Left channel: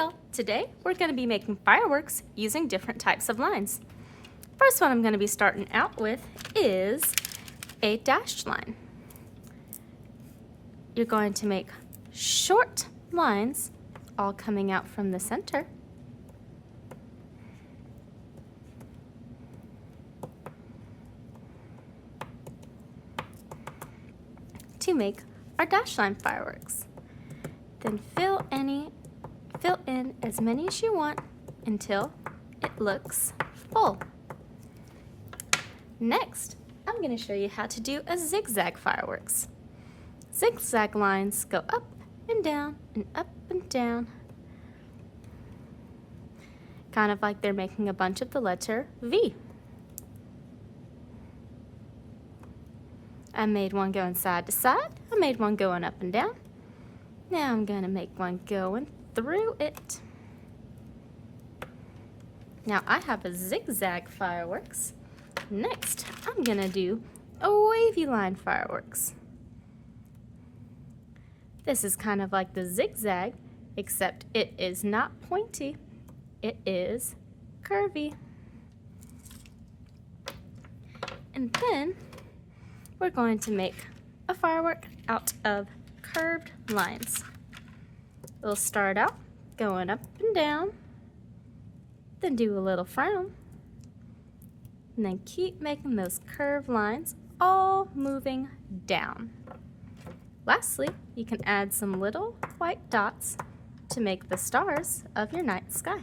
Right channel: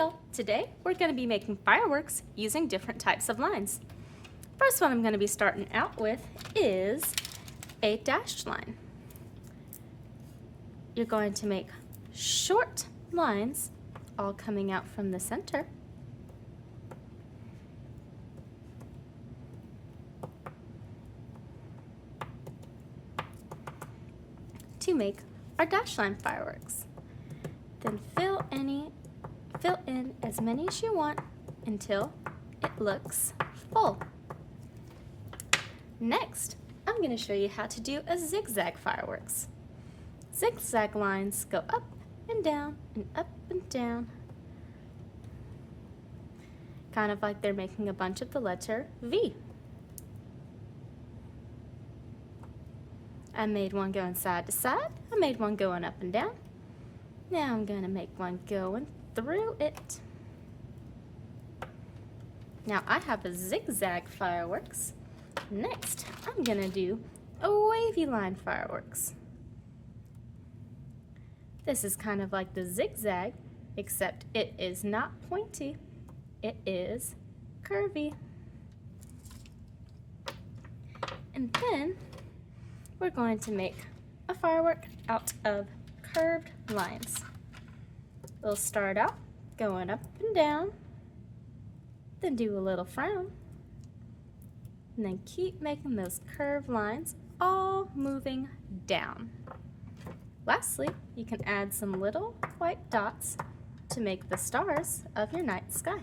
y'all, today we're going to be making fireworks using different types of lines. First one I'm going to be starting out with is a dashed line. You're going to make short lines all coming out from the center. To make our dash line fireworks. Then fill in as many as you want until it looks full. Next, I'm going to show you how to do a zigzag fireworks. Zigzag lines go up and down and up and down, kind of like they're making a bunch of the letter V. I made one going side to side. I made one going up and down. Now I'm going to make one going through it. Now I have a zigzag fireworks. Next, I'm going to do a wavy line fireworks. This is kind of like the zigzag, except it is not pointy. It is curvy. And then we're going to make a firework out of curved lines. We'll start out going up and down, then do a little frown, and then keep making those curved lines all moving down. Lastly, you can add some little white dots to make the stars of your night sky.